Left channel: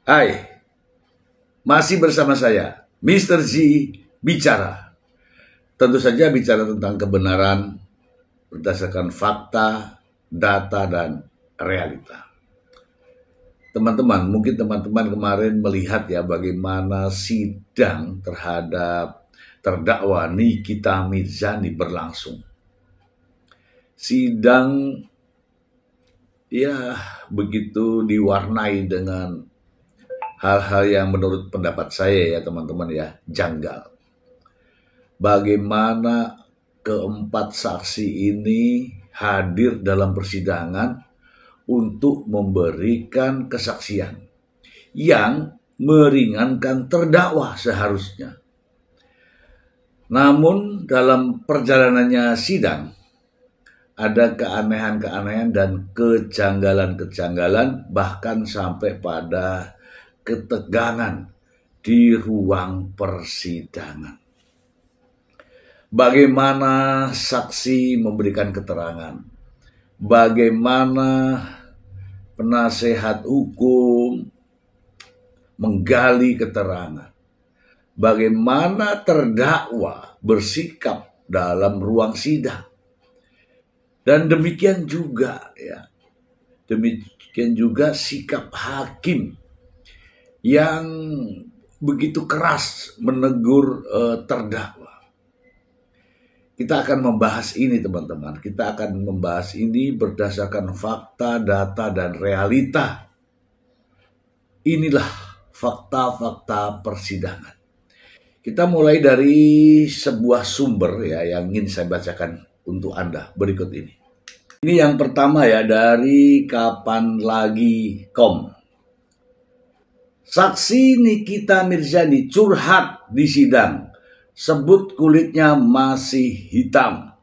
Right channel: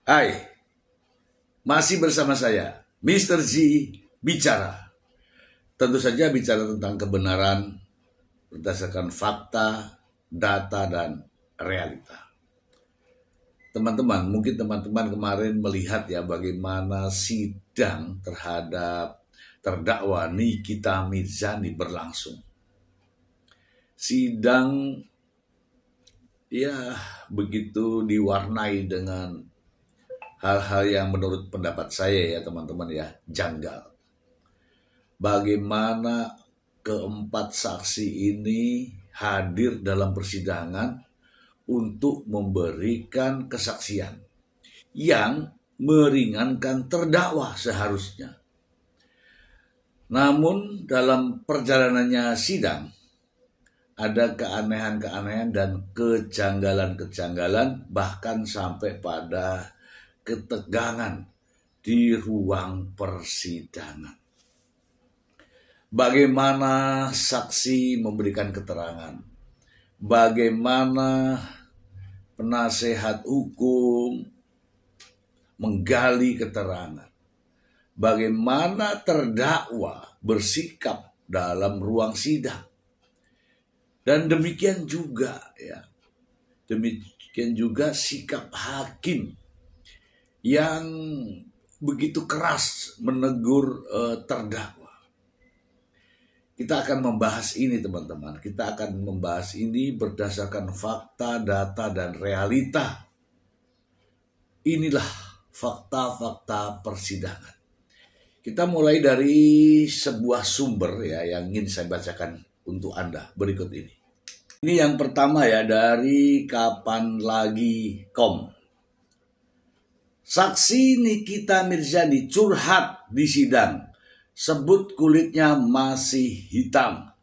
Hai, masih bersama saya, Mr. Z bicara. Tentu saja bicara tentang kebenaran berdasarkan fakta, data, dan realita. Teman-teman, mungkin teman-teman kemarin melihat ya bagaimana sidang terhadap terdakwa Nikita Mirzani berlangsung. Sidang ya begitu diwarnai dengan hal-hal yang menurut pendapat saya ya teman-teman ya, janggal. Bagaimana keempat saksi ini hadir dalam persidangan untuk memberikan kesaksian yang meringankan terdakwa seharusnya. Namun dalam perjalanannya sidang, ada keanehan-keanehan dan kejanggalan-kejanggalan, bahkan sampai pada ketegangan di ruang persidangan. Bagaimana saksi memberikan keterangan, bagaimana penasehat hukum menggali keterangan, bagaimana terdakwa bersikap dalam ruang sidang. Dan demikian juga sikap hakim yang begitu keras menegur terdakwa. Kita akan membahas ini teman-teman. Kita akan membahas ini berdasarkan fakta, data, dan realita. Inilah fakta-fakta persidangan. Kita mulai dari sebuah sumber ya yang ingin saya bacakan untuk Anda berikut ini. Ini yang pertama ya, dari kapanlagi.com. Saksi Nikita Mirzani curhat di sidang, sebut kulitnya masih hitam.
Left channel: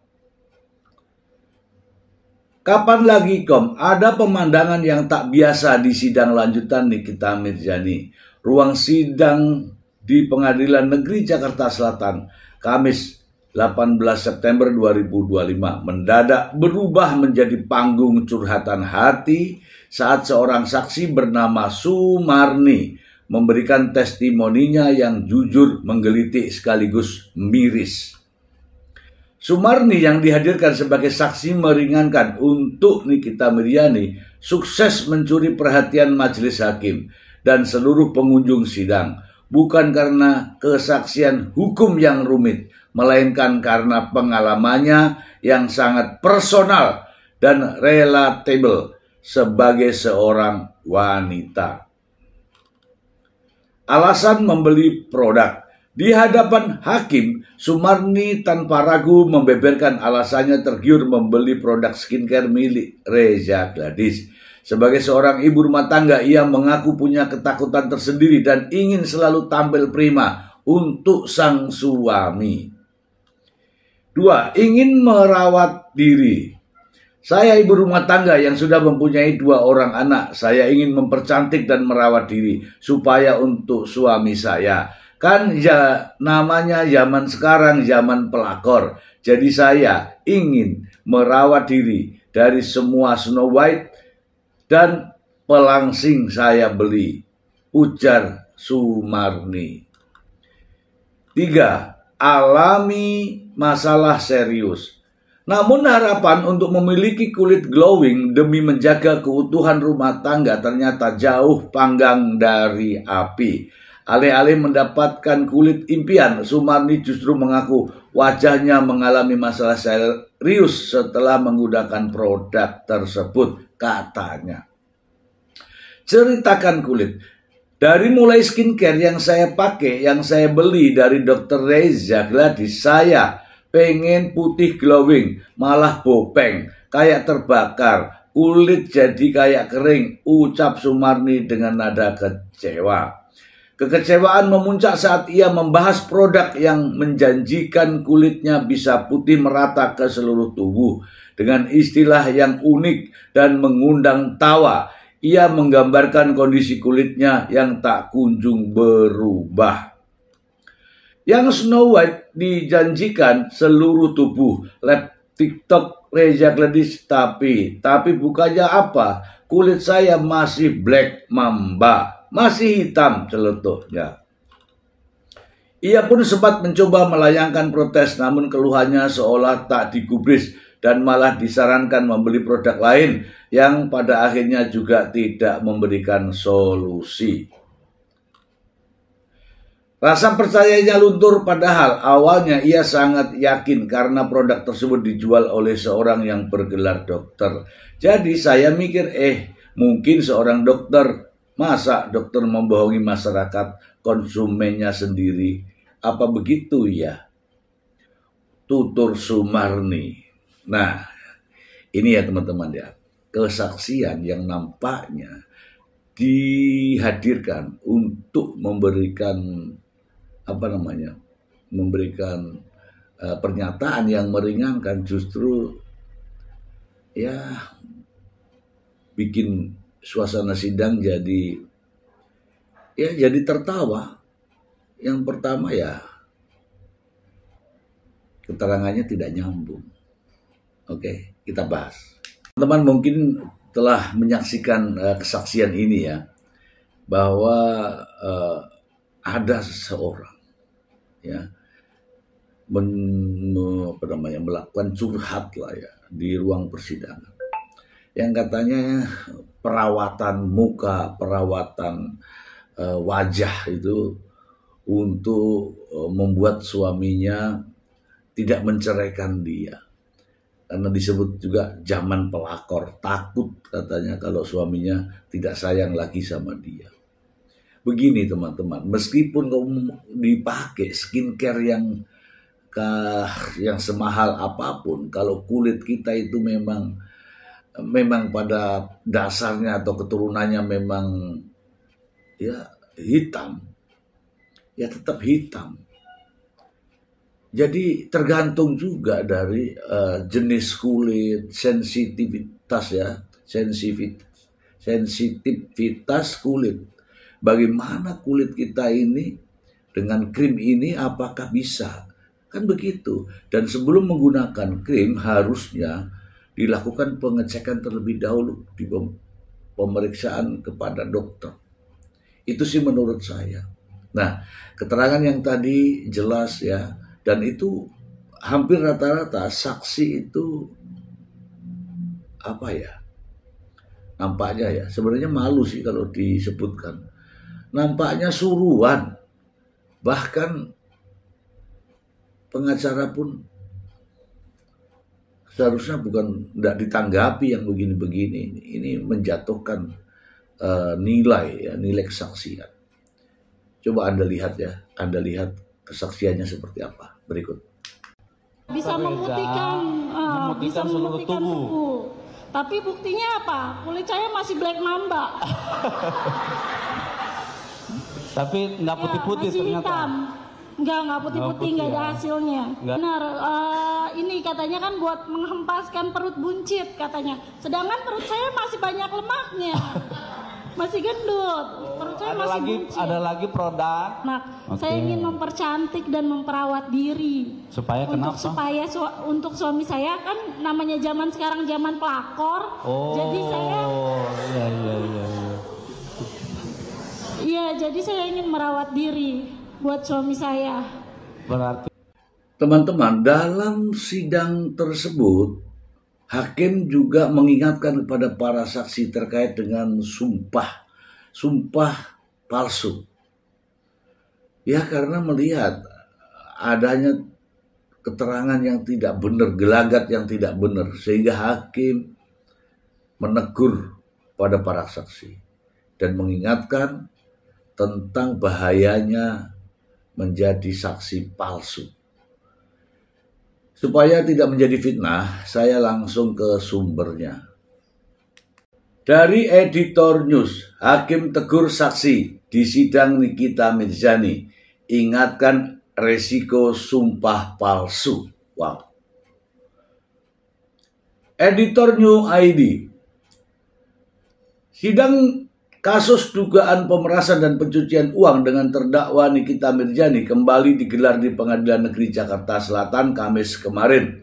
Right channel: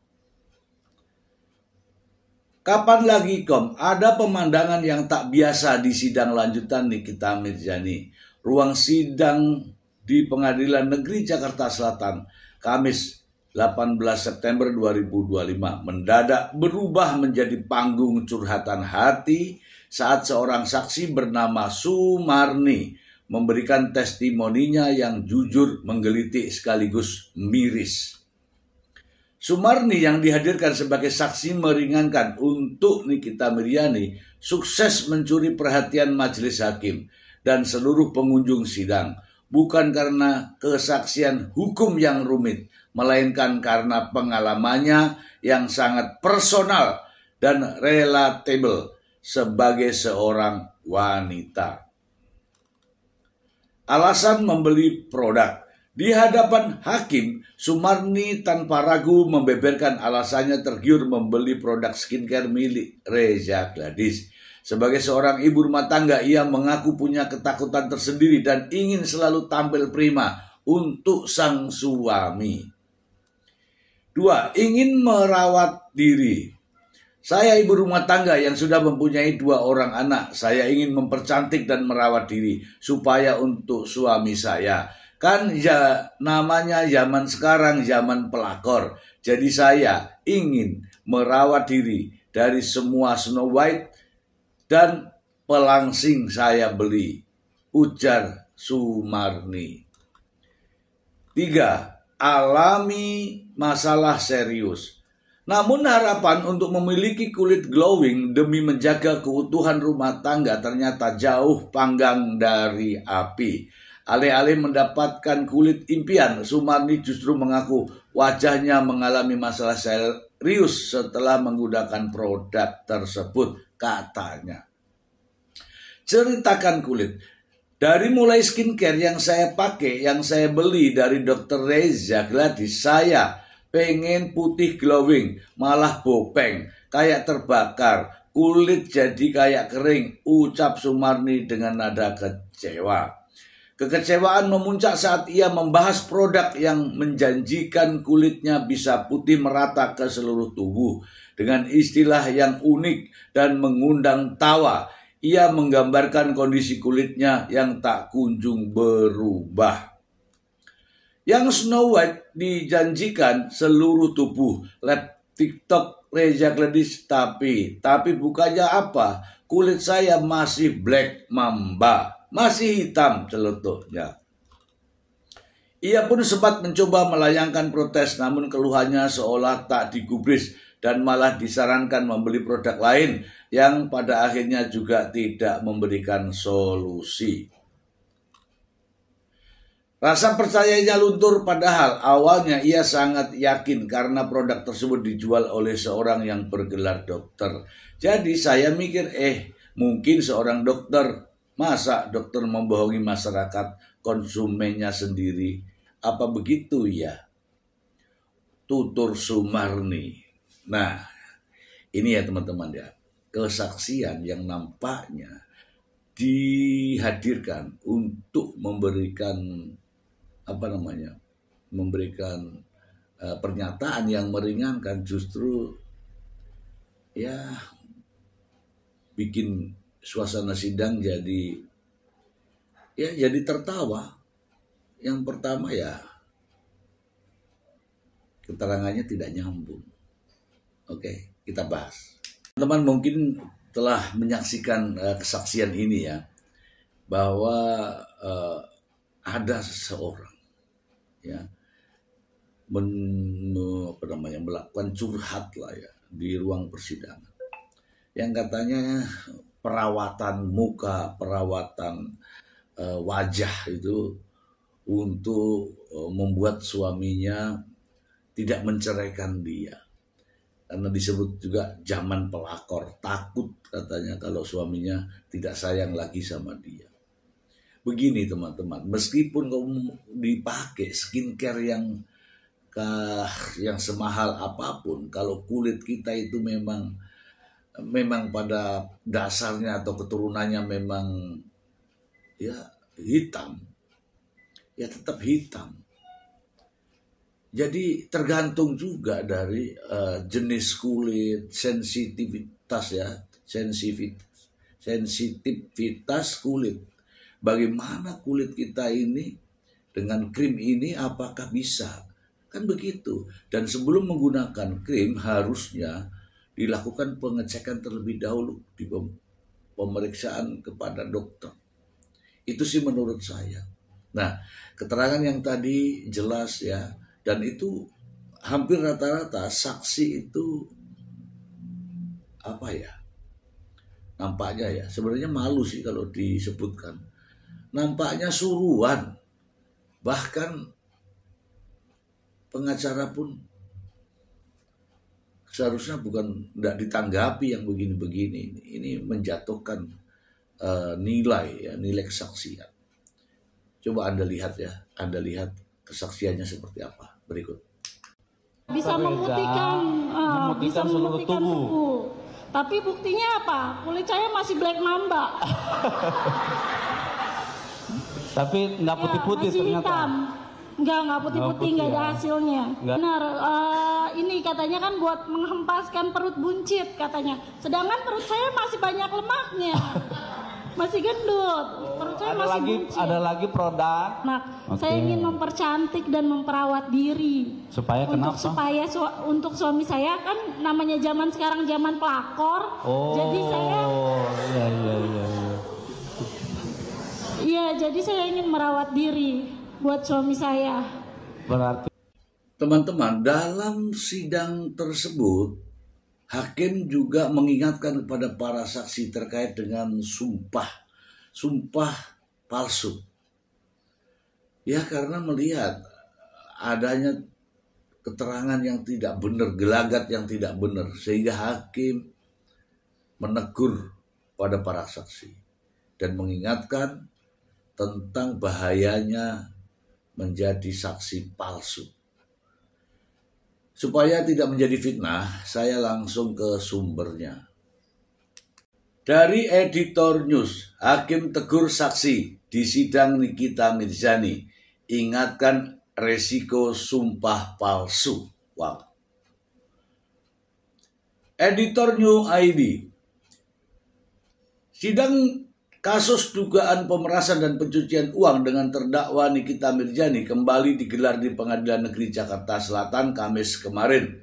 Kapanlagi.com, ada pemandangan yang tak biasa di sidang lanjutan Nikita Mirzani. Ruang sidang di Pengadilan Negeri Jakarta Selatan, Kamis 18 September 2025 mendadak berubah menjadi panggung curhatan hati saat seorang saksi bernama Sumarni memberikan testimoninya yang jujur, menggelitik sekaligus miris. Sumarni yang dihadirkan sebagai saksi meringankan untuk Nikita Mirzani sukses mencuri perhatian majelis hakim dan seluruh pengunjung sidang, bukan karena kesaksian hukum yang rumit, melainkan karena pengalamannya yang sangat personal dan relatable sebagai seorang wanita. Alasan membeli produk. Di hadapan hakim, Sumarni tanpa ragu membeberkan alasannya tergiur membeli produk skincare milik Reza Gladys. Sebagai seorang ibu rumah tangga, ia mengaku punya ketakutan tersendiri dan ingin selalu tampil prima untuk sang suami. 2. Ingin merawat diri. Saya ibu rumah tangga yang sudah mempunyai 2 orang anak. Saya ingin mempercantik dan merawat diri supaya untuk suami saya. Kan ya namanya zaman sekarang zaman pelakor. Jadi saya ingin merawat diri dari semua Snow White dan pelangsing saya beli, ujar Sumarni. 3. Alami masalah serius. Namun harapan untuk memiliki kulit glowing demi menjaga keutuhan rumah tangga ternyata jauh panggang dari api. Alih-alih mendapatkan kulit impian, Sumarni justru mengaku wajahnya mengalami masalah serius setelah menggunakan produk tersebut, katanya. Ceritakan kulit. Dari mulai skincare yang saya pakai, yang saya beli dari Dr. Reza Gladys, saya pengen putih glowing, malah bopeng, kayak terbakar, kulit jadi kayak kering, ucap Sumarni dengan nada kecewa. Kekecewaan memuncak saat ia membahas produk yang menjanjikan kulitnya bisa putih merata ke seluruh tubuh. Dengan istilah yang unik dan mengundang tawa, ia menggambarkan kondisi kulitnya yang tak kunjung berubah. Yang Snow White dijanjikan seluruh tubuh, lab TikTok Reza Gladys, tapi bukannya apa? Kulit saya masih black mamba. masih hitam celetuknya. Ia pun sempat mencoba melayangkan protes, namun keluhannya seolah tak digubris dan malah disarankan membeli produk lain yang pada akhirnya juga tidak memberikan solusi. Rasa percayanya luntur, padahal awalnya ia sangat yakin karena produk tersebut dijual oleh seorang yang bergelar dokter. Jadi saya mikir, mungkin seorang dokter. Masa dokter membohongi masyarakat konsumennya sendiri? Apa begitu ya? Tutur Sumarni. Nah, ini ya teman-teman ya, kesaksian yang nampaknya dihadirkan untuk memberikan pernyataan yang meringankan, justru ya bikin suasana sidang jadi tertawa. Yang pertama ya, keterangannya tidak nyambung. Oke, kita bahas. Teman-teman mungkin telah menyaksikan kesaksian ini ya, bahwa ada seseorang ya melakukan curhat lah ya di ruang persidangan, yang katanya perawatan muka, perawatan wajah itu untuk membuat suaminya tidak menceraikan dia. Karena disebut juga zaman pelakor, takut katanya kalau suaminya tidak sayang lagi sama dia. Begini teman-teman, meskipun kamu dipakai skincare yang semahal apapun, kalau kulit kita itu memang pada dasarnya atau keturunannya memang ya hitam, ya tetap hitam. Jadi tergantung juga dari jenis kulit, sensitivitas kulit. Bagaimana kulit kita ini dengan krim ini, apakah bisa? Kan begitu. Dan sebelum menggunakan krim harusnya dilakukan pengecekan terlebih dahulu di pemeriksaan kepada dokter. Itu sih menurut saya. Nah, keterangan yang tadi jelas ya, dan itu hampir rata-rata saksi itu nampaknya ya, sebenarnya malu sih kalau disebutkan. Nampaknya suruhan. Bahkan pengacara pun seharusnya tidak ditanggapi yang begini-begini. Ini menjatuhkan nilai kesaksian. Coba Anda lihat ya, kesaksiannya seperti apa. Berikut. Bisa memutihkan seluruh tubuh. Tapi buktinya apa? Kulit saya masih black mamba. Tapi nggak putih-putih ternyata. Hitam. Nggak putih-putih, nggak ada hasilnya. Benar, ini katanya kan buat menghempaskan perut buncit katanya. Sedangkan perut saya masih banyak lemaknya. Masih gendut. Perut saya masih buncit. Ada lagi produk. Saya ingin mempercantik dan memperawat diri. Supaya kenapa? Untuk suami saya kan namanya zaman sekarang zaman pelakor. Jadi saya Iya, jadi saya ingin merawat diri buat suami saya. Berarti teman-teman, dalam sidang tersebut hakim juga mengingatkan kepada para saksi terkait dengan sumpah palsu. Ya, karena melihat adanya keterangan yang tidak benar, gelagat yang tidak benar, sehingga hakim menegur pada para saksi dan mengingatkan tentang bahayanya menjadi saksi palsu. Supaya tidak menjadi fitnah, saya langsung ke sumbernya. Dari Editor News, hakim tegur saksi di sidang Nikita Mirzani, ingatkan resiko sumpah palsu. Wow. Editor New ID, sidang kasus dugaan pemerasan dan pencucian uang dengan terdakwa Nikita Mirzani kembali digelar di Pengadilan Negeri Jakarta Selatan Kamis kemarin.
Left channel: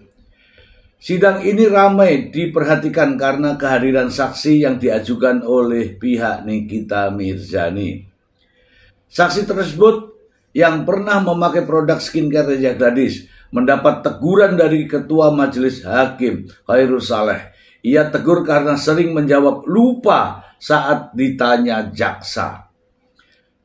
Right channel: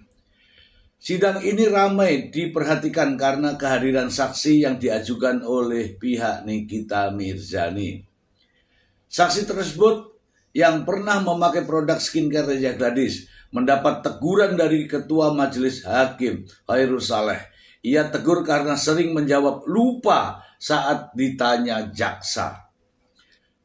Sidang ini ramai diperhatikan karena kehadiran saksi yang diajukan oleh pihak Nikita Mirzani. Saksi tersebut yang pernah memakai produk skincare Reza Gladys mendapat teguran dari Ketua Majelis Hakim Khairul Saleh. Ia tegur karena sering menjawab lupa saat ditanya jaksa.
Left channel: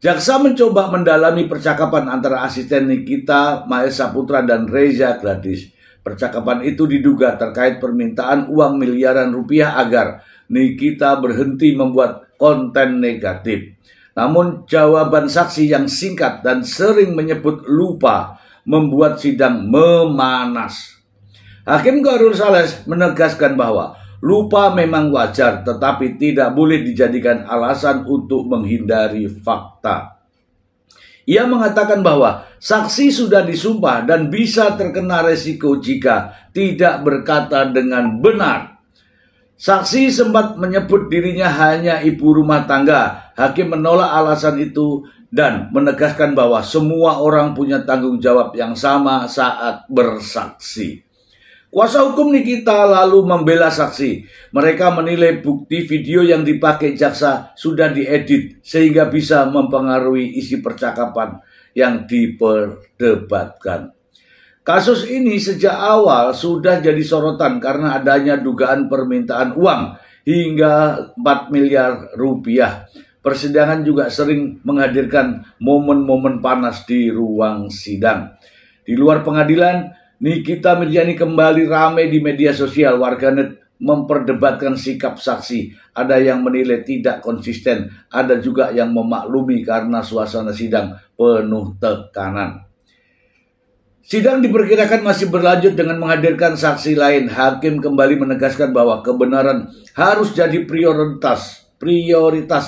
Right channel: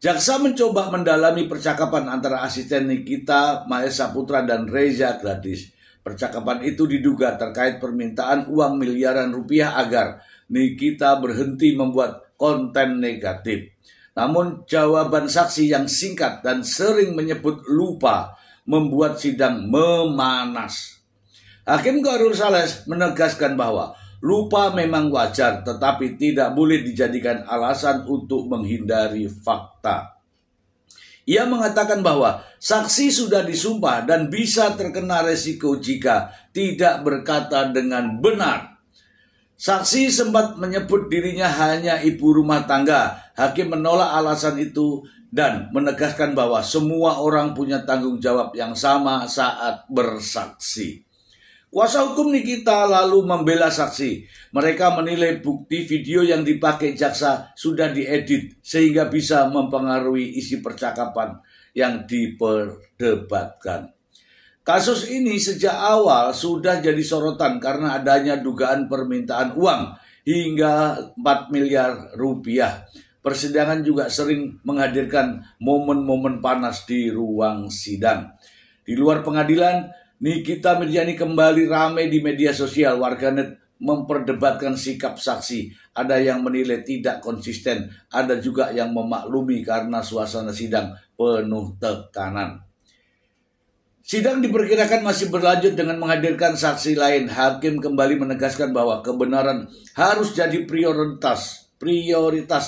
Jaksa mencoba mendalami percakapan antara asisten Nikita, Maesa Putra, dan Reza Gladys. Percakapan itu diduga terkait permintaan uang miliaran rupiah agar Nikita berhenti membuat konten negatif. Namun jawaban saksi yang singkat dan sering menyebut lupa membuat sidang memanas. Hakim Khairul Saleh menegaskan bahwa lupa memang wajar tetapi tidak boleh dijadikan alasan untuk menghindari fakta. Ia mengatakan bahwa saksi sudah disumpah dan bisa terkena resiko jika tidak berkata dengan benar. Saksi sempat menyebut dirinya hanya ibu rumah tangga. Hakim menolak alasan itu dan menegaskan bahwa semua orang punya tanggung jawab yang sama saat bersaksi. Kuasa hukum Nikita lalu membela saksi. Mereka menilai bukti video yang dipakai jaksa sudah diedit sehingga bisa mempengaruhi isi percakapan yang diperdebatkan. Kasus ini sejak awal sudah jadi sorotan karena adanya dugaan permintaan uang hingga 4 miliar rupiah. Persidangan juga sering menghadirkan momen-momen panas di ruang sidang. Di luar pengadilan, Nikita Mirzani kembali ramai di media sosial. Warganet memperdebatkan sikap saksi. Ada yang menilai tidak konsisten, ada juga yang memaklumi karena suasana sidang penuh tekanan. Sidang diperkirakan masih berlanjut dengan menghadirkan saksi lain. Hakim kembali menegaskan bahwa kebenaran harus jadi prioritas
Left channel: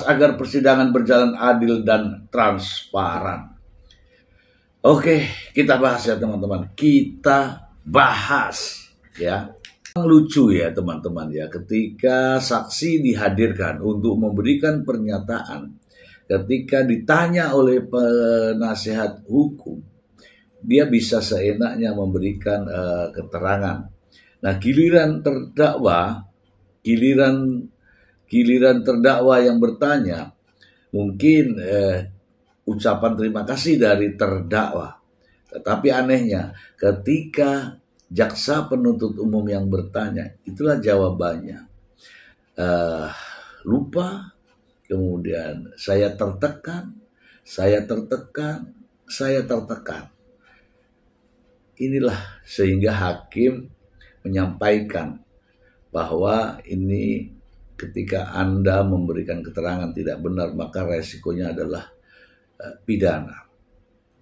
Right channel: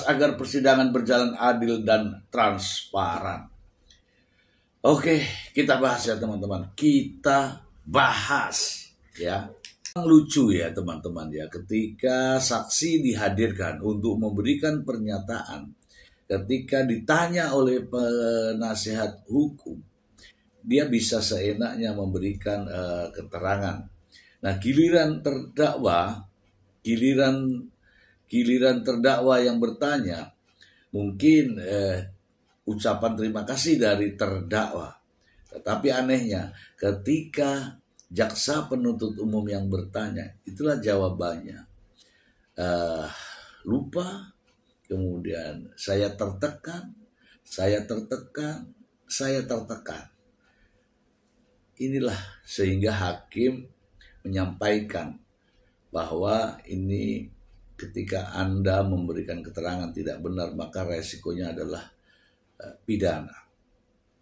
agar persidangan berjalan adil dan transparan. Oke, kita bahas ya teman-teman. Kita bahas ya. Lucu ya teman-teman ya, ketika saksi dihadirkan untuk memberikan pernyataan, ketika ditanya oleh penasehat hukum, dia bisa seenaknya memberikan keterangan. Nah, giliran terdakwa yang bertanya, mungkin ucapan terima kasih dari terdakwa. Tetapi anehnya ketika jaksa penuntut umum yang bertanya, itulah jawabannya. Lupa, kemudian saya tertekan. Inilah sehingga hakim menyampaikan bahwa ini ketika Anda memberikan keterangan tidak benar, maka resikonya adalah pidana,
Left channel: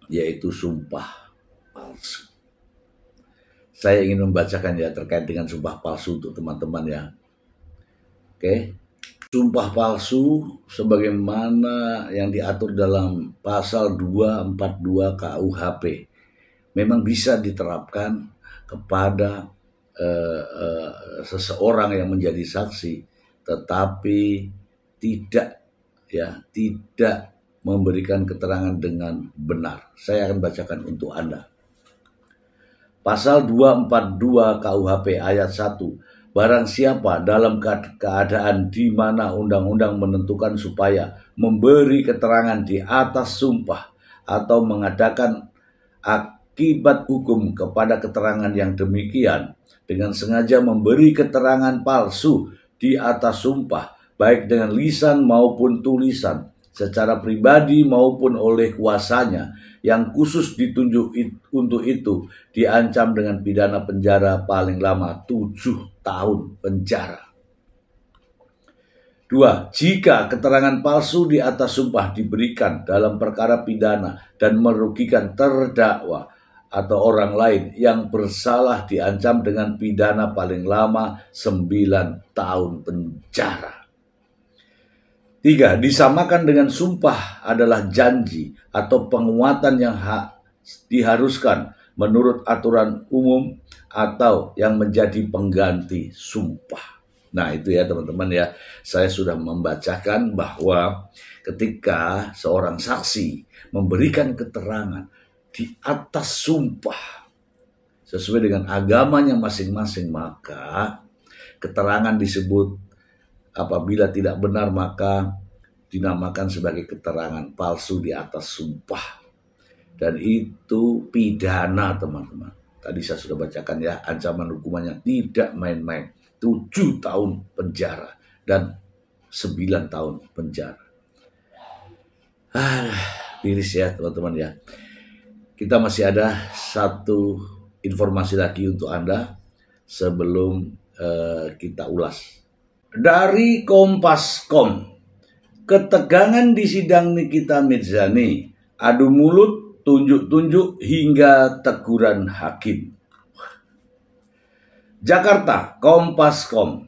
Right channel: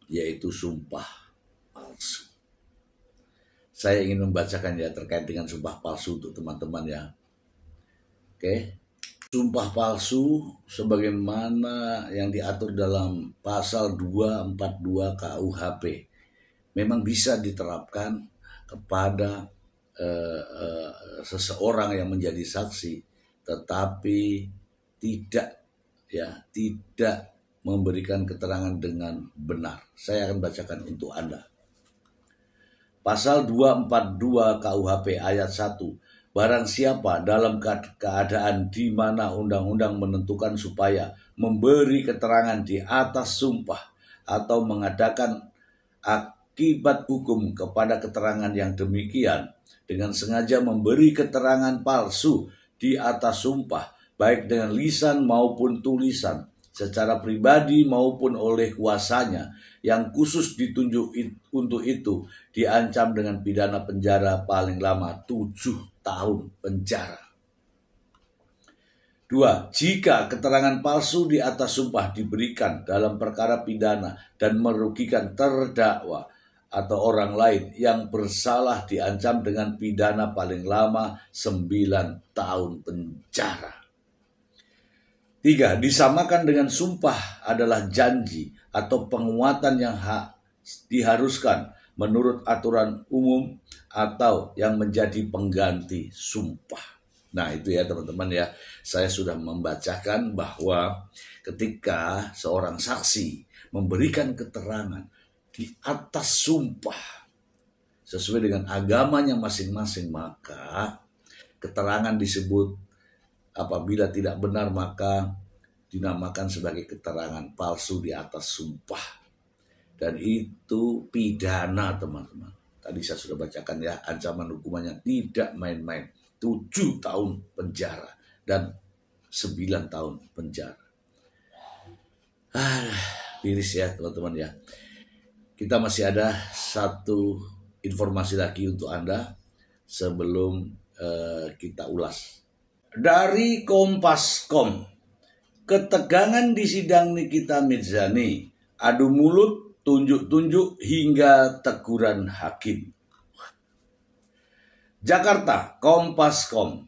yaitu sumpah palsu. Saya ingin membacakan ya terkait dengan sumpah palsu untuk teman-teman ya. Oke. Sumpah palsu sebagaimana yang diatur dalam pasal 242 KUHP memang bisa diterapkan kepada seseorang yang menjadi saksi, tetapi tidak memberikan keterangan dengan benar. Saya akan bacakan untuk Anda. Pasal 242 KUHP ayat 1. Barang siapa dalam keadaan di mana undang-undang menentukan supaya memberi keterangan di atas sumpah atau mengadakan akibat hukum kepada keterangan yang demikian dengan sengaja memberi keterangan palsu di atas sumpah, baik dengan lisan maupun tulisan, secara pribadi maupun oleh kuasanya yang khusus ditunjuk untuk itu, diancam dengan pidana penjara paling lama 7 tahun penjara. 2. Jika keterangan palsu di atas sumpah diberikan dalam perkara pidana dan merugikan terdakwa atau orang lain yang bersalah, diancam dengan pidana paling lama 9 tahun penjara. 3. Disamakan dengan sumpah adalah janji atau penguatan yang diharuskan menurut aturan umum atau yang menjadi pengganti sumpah. Nah itu ya teman-teman ya, saya sudah membacakan bahwa ketika seorang saksi memberikan keterangan di atas sumpah, sesuai dengan agamanya masing-masing, maka keterangan disebut apabila tidak benar maka dinamakan sebagai keterangan palsu di atas sumpah. Dan itu pidana, teman-teman. Tadi saya sudah bacakan ya, ancaman hukumannya tidak main-main. 7 tahun penjara dan 9 tahun penjara. Miris ya teman-teman ya. Kita masih ada satu informasi lagi untuk Anda sebelum kita ulas. Dari Kompas.com, ketegangan di sidang Nikita Mirzani, adu mulut, tunjuk-tunjuk hingga teguran hakim. Jakarta, Kompas.com.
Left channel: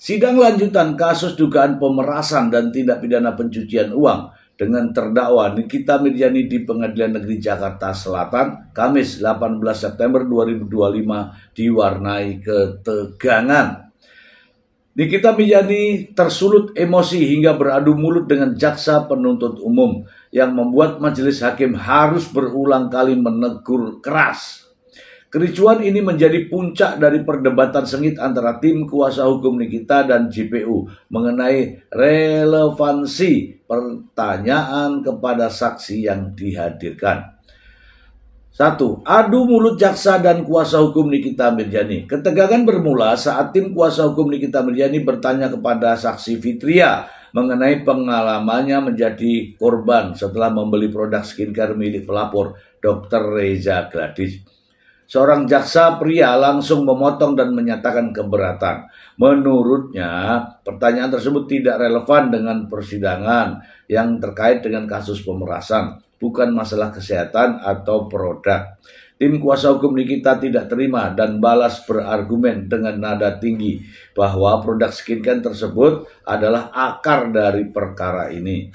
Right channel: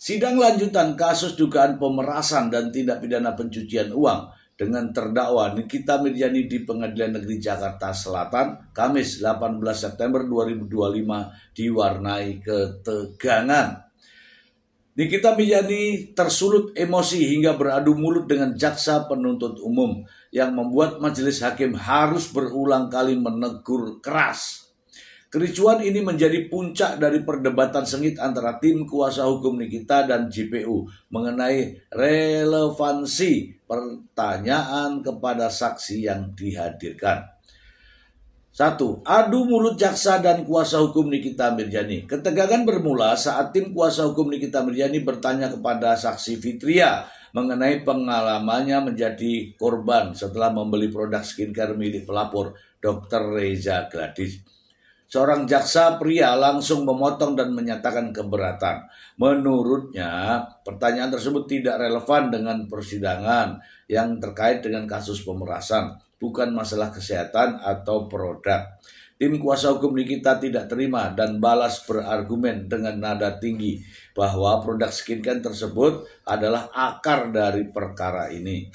Sidang lanjutan kasus dugaan pemerasan dan tindak pidana pencucian uang dengan terdakwa Nikita Mirzani di Pengadilan Negeri Jakarta Selatan, Kamis 18 September 2025 diwarnai ketegangan. Nikita Mirzani tersulut emosi hingga beradu mulut dengan jaksa penuntut umum yang membuat majelis hakim harus berulang kali menegur keras. Kericuan ini menjadi puncak dari perdebatan sengit antara tim kuasa hukum Nikita dan JPU mengenai relevansi pertanyaan kepada saksi yang dihadirkan. 1. Adu mulut jaksa dan kuasa hukum Nikita Mirzani. Ketegangan bermula saat tim kuasa hukum Nikita Mirzani bertanya kepada saksi Fitria mengenai pengalamannya menjadi korban setelah membeli produk skincare milik pelapor Dr. Reza Gladys. Seorang jaksa pria langsung memotong dan menyatakan keberatan. Menurutnya, pertanyaan tersebut tidak relevan dengan persidangan yang terkait dengan kasus pemerasan, bukan masalah kesehatan atau produk. Tim kuasa hukum Nikita tidak terima dan balas berargumen dengan nada tinggi bahwa produk skincare tersebut adalah akar dari perkara ini.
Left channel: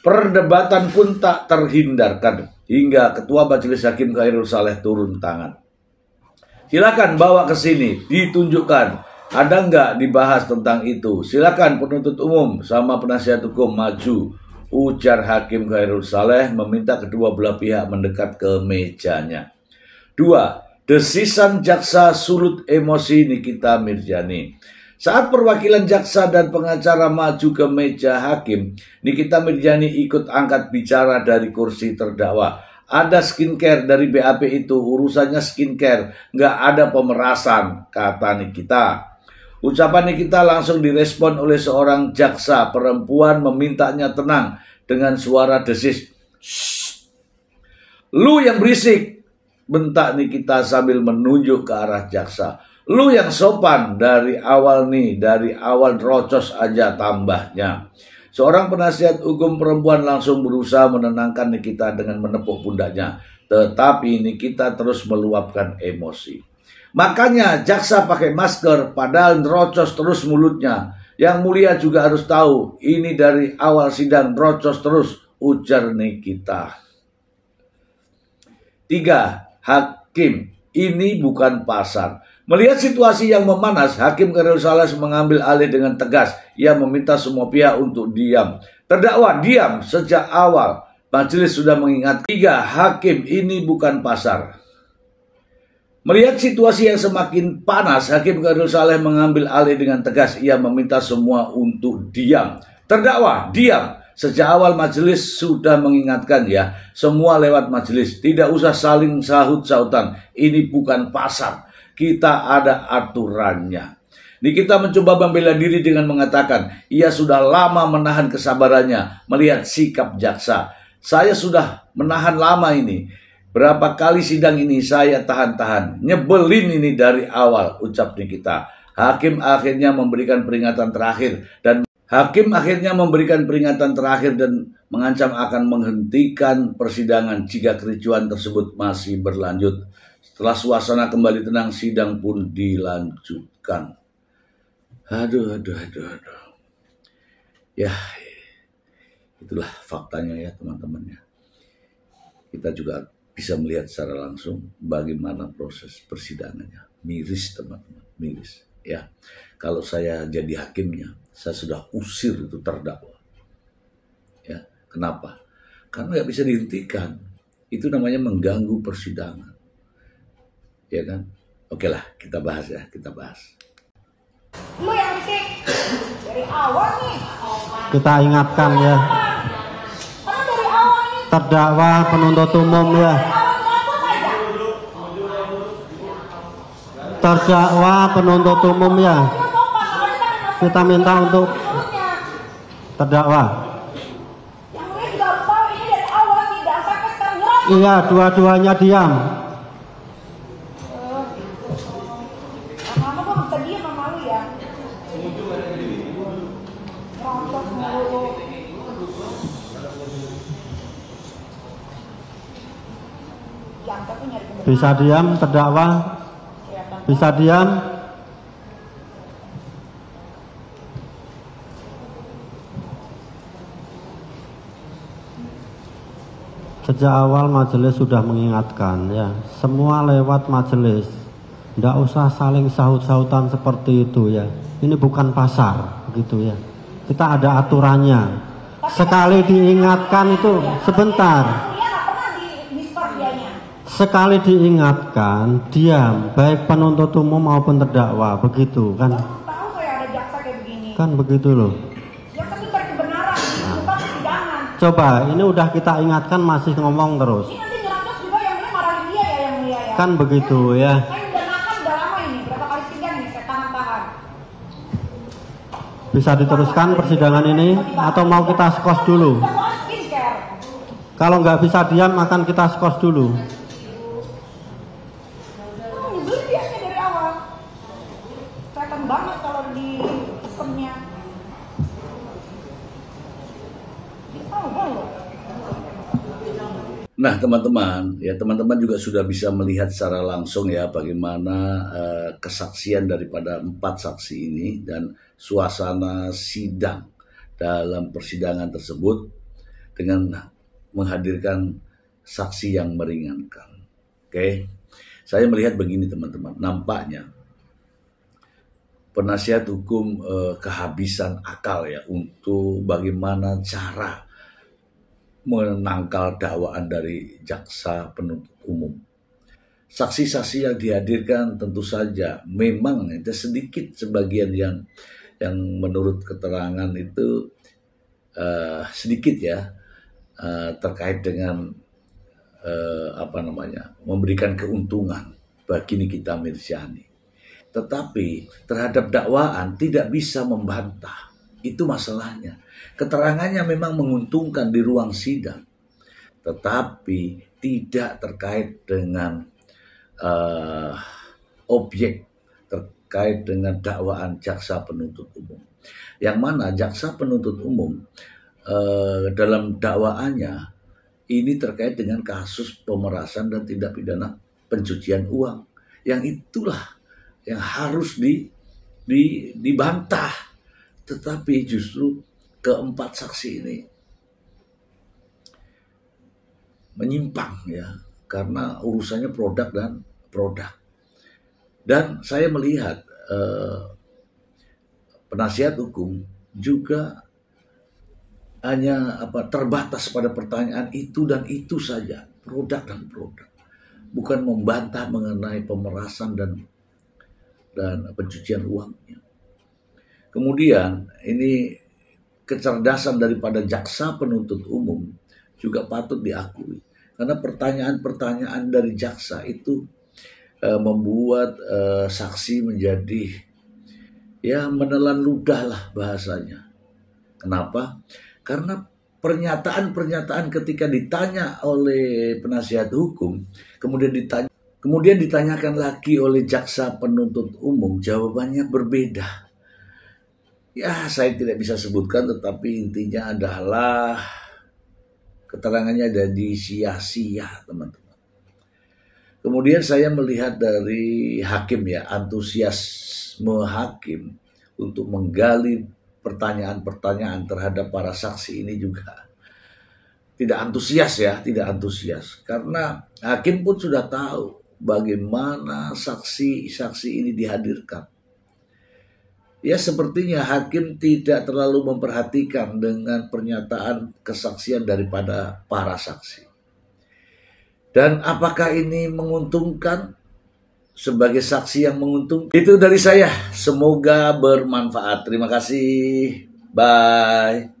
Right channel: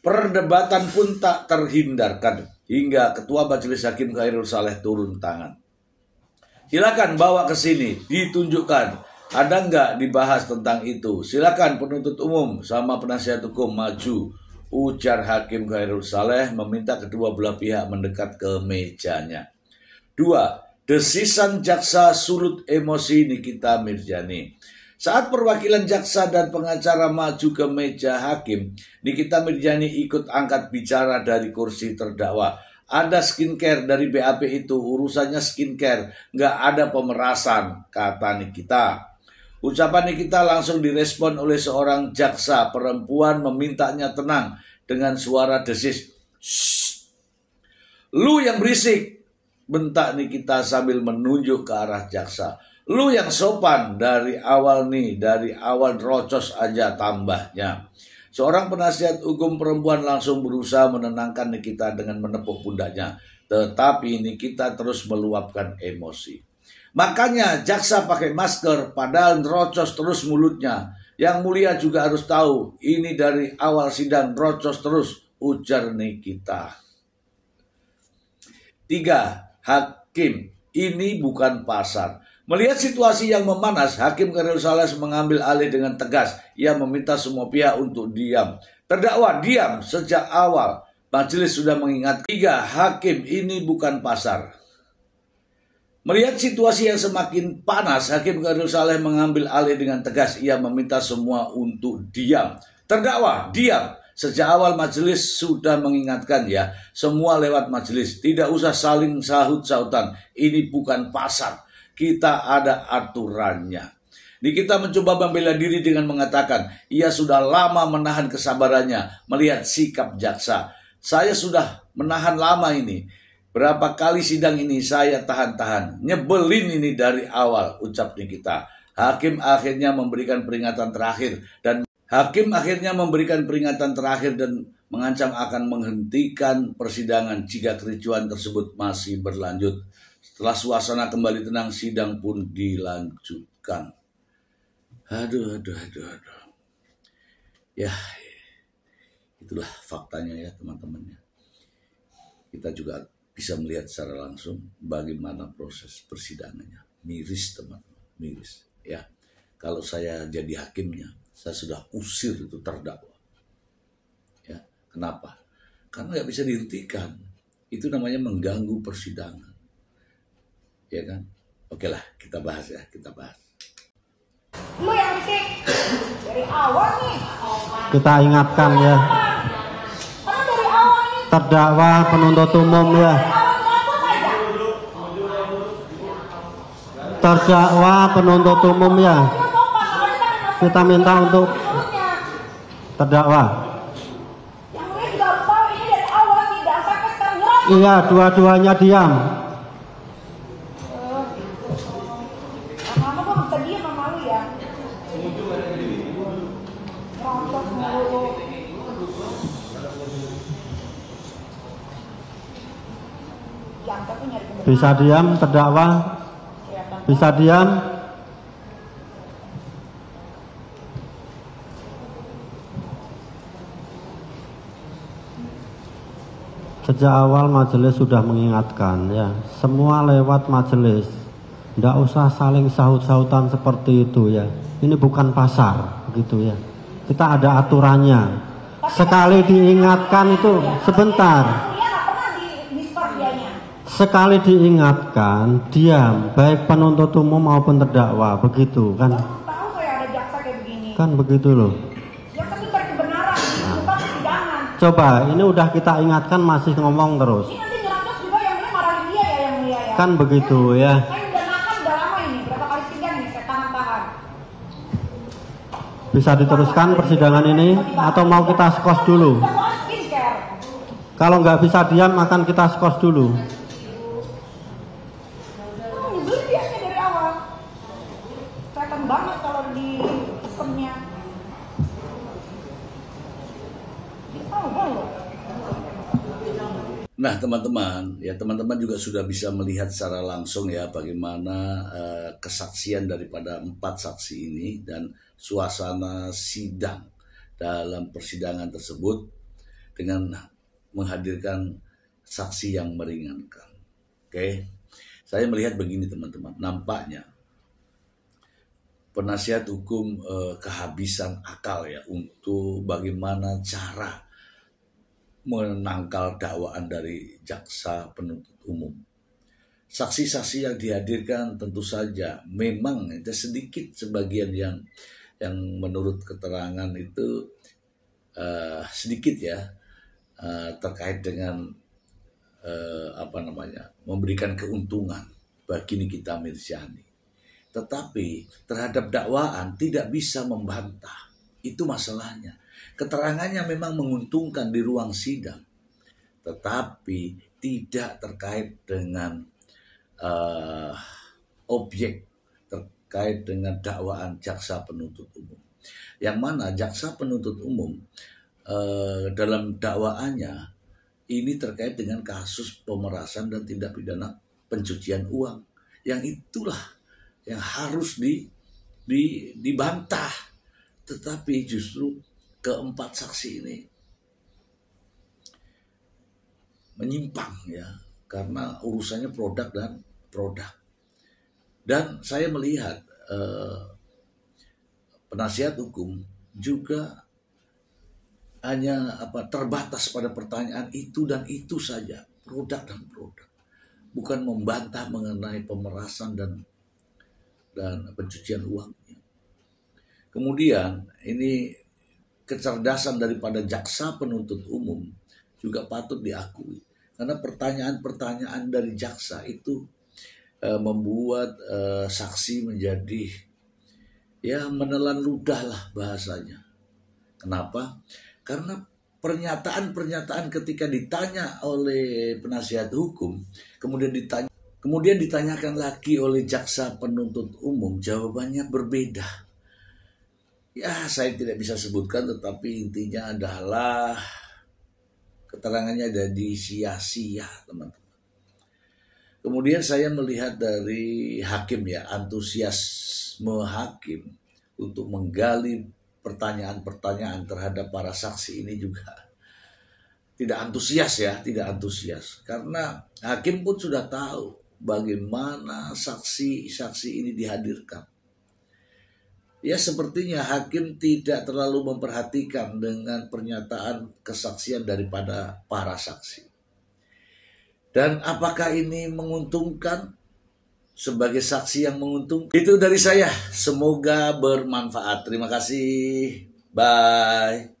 Perdebatan pun tak terhindarkan hingga Ketua Majelis Hakim Khairul Saleh turun tangan. Silakan bawa ke sini, ditunjukkan. Ada nggak dibahas tentang itu? Silakan penuntut umum sama penasihat hukum maju, ujar Hakim Khairul Saleh meminta kedua belah pihak mendekat ke mejanya. 2. Desisan jaksa sulut emosi Nikita Mirzani. Saat perwakilan jaksa dan pengacara maju ke meja hakim, Nikita Mirzani ikut angkat bicara dari kursi terdakwa. Ada skincare dari BAP itu, urusannya skincare, nggak ada pemerasan, kata Nikita. Ucapan Nikita langsung direspon oleh seorang jaksa perempuan memintanya tenang dengan suara desis. Shh, lu yang berisik, bentak Nikita sambil menunjuk ke arah jaksa. Lu yang sopan dari awal rocos aja tambahnya. Seorang penasihat hukum perempuan langsung berusaha menenangkan Nikita dengan menepuk pundaknya. Tetapi Nikita terus meluapkan emosi. Makanya jaksa pakai masker padahal rocos terus mulutnya. Yang mulia juga harus tahu ini dari awal sidang rocos terus, ujar Nikita. 3. Hakim, ini bukan pasar. Melihat situasi yang memanas, Hakim Khairul Saleh mengambil alih dengan tegas. Ia meminta semua pihak untuk diam. Terdakwa diam sejak awal. Majelis sudah mengingatkan. 3. Hakim, ini bukan pasar. Melihat situasi yang semakin panas, Hakim Khairul Saleh mengambil alih dengan tegas. Ia meminta semua untuk diam. Terdakwa diam. Sejak awal majelis sudah mengingatkan ya. Semua lewat majelis. Tidak usah saling sahut-sahutan. Ini bukan pasar. Kita ada aturannya. Nikita mencoba membela diri dengan mengatakan, ia sudah lama menahan kesabarannya melihat sikap jaksa. Saya sudah menahan lama ini. Berapa kali sidang ini saya tahan-tahan. Nyebelin ini dari awal, ucap Nikita. Hakim akhirnya memberikan peringatan terakhir dan mengancam akan menghentikan persidangan jika kericuan tersebut masih berlanjut. Setelah suasana kembali tenang, sidang pun dilanjutkan. Aduh. Ya, itulah faktanya ya teman-teman ya. Kita juga bisa melihat secara langsung bagaimana proses persidangannya. Miris teman-teman, miris. Ya, kalau saya jadi hakimnya, saya sudah usir itu terdakwa. Ya, kenapa? Karena nggak bisa dihentikan. Itu namanya mengganggu persidangan. ya kan? Oke lah, kita bahas ya, kita bahas. Lu yang risik dari awal nih. Kita ingatkan ya, Karena dari awal nih. terdakwa penuntut umum ya. Terdakwa penuntut umum ya. Kita minta untuk terdakwa. Yang lain juga harus tahu ini dari awal sih, dan sampai sekarang jelas. Iya, dua-duanya diam. Lama-lama gue bisa diem sama lu ya. Rontok mulu. Yang tapi nyari kebenaran. Bisa diam terdakwa? Bisa diam? Sejak awal majelis sudah mengingatkan ya, semua lewat majelis. Tidak usah saling sahut-sahutan seperti itu ya. Ini bukan pasar begitu ya. Kita ada aturannya. Sekali diingatkan itu sebentar. Dia nggak pernah di-dispar dianya. Sekali diingatkan diam, baik penuntut umum maupun terdakwa, begitu kan? Tahu saya ada jaksa kayak begini. Kan begitu loh. Jaksa itu cari kebenaran di tempat persidangan. Coba, ini udah kita ingatkan masih ngomong terus. Ini nanti nyerocos juga yang ini marahin dia ya, yang mulia ya. Kan begitu ya. Saya udah makan udah lama ini, berapa kali sidang nih saya tahan-tahan. Bisa diteruskan persidangan ini atau mau kita skos dulu? Udah mau skincare. Kalau nggak bisa diam akan kita skos dulu. Nyebelin dianya dari awal. Kelihatan banget kalau di pesennya. Nah teman-teman, ya teman-teman juga sudah bisa melihat secara langsung ya bagaimana kesaksian daripada 4 saksi ini dan suasana sidang dalam persidangan tersebut dengan menghadirkan saksi yang meringankan. Oke, saya melihat begini teman-teman, nampaknya penasihat hukum kehabisan akal ya untuk bagaimana cara menangkal dakwaan dari jaksa penuntut umum. Saksi-saksi yang dihadirkan tentu saja memang itu sedikit sebagian yang menurut keterangan itu sedikit ya terkait dengan memberikan keuntungan bagi Nikita Mirzani. Tetapi terhadap dakwaan tidak bisa membantah. Itu masalahnya. Keterangannya memang menguntungkan di ruang sidang, tetapi tidak terkait dengan objek, terkait dengan dakwaan jaksa penuntut umum. Yang mana jaksa penuntut umum dalam dakwaannya ini terkait dengan kasus pemerasan dan tindak pidana pencucian uang. Yang itulah yang harus dibantah. Tetapi justru keempat saksi ini menyimpang ya, karena urusannya produk dan produk. Dan saya melihat penasihat hukum juga hanya terbatas pada pertanyaan itu dan itu saja, produk dan produk, bukan membantah mengenai pemerasan dan pencucian uangnya. Kemudian ini kecerdasan daripada jaksa penuntut umum juga patut diakui, karena pertanyaan-pertanyaan dari jaksa itu membuat saksi menjadi ya menelan ludah lah bahasanya. Kenapa? Karena pernyataan-pernyataan ketika ditanya oleh penasihat hukum kemudian ditanyakan lagi oleh jaksa penuntut umum, jawabannya berbeda. Ya, saya tidak bisa sebutkan, tetapi intinya adalah keterangannya jadi sia-sia, teman-teman. Kemudian saya melihat dari hakim ya, antusiasme hakim untuk menggali pertanyaan-pertanyaan terhadap para saksi ini juga tidak antusias. Karena hakim pun sudah tahu bagaimana saksi-saksi ini dihadirkan. Ya, sepertinya hakim tidak terlalu memperhatikan dengan pernyataan kesaksian daripada para saksi. Dan apakah ini menguntungkan? sebagai saksi yang menguntungkan. Itu dari saya, semoga bermanfaat. Terima kasih, bye.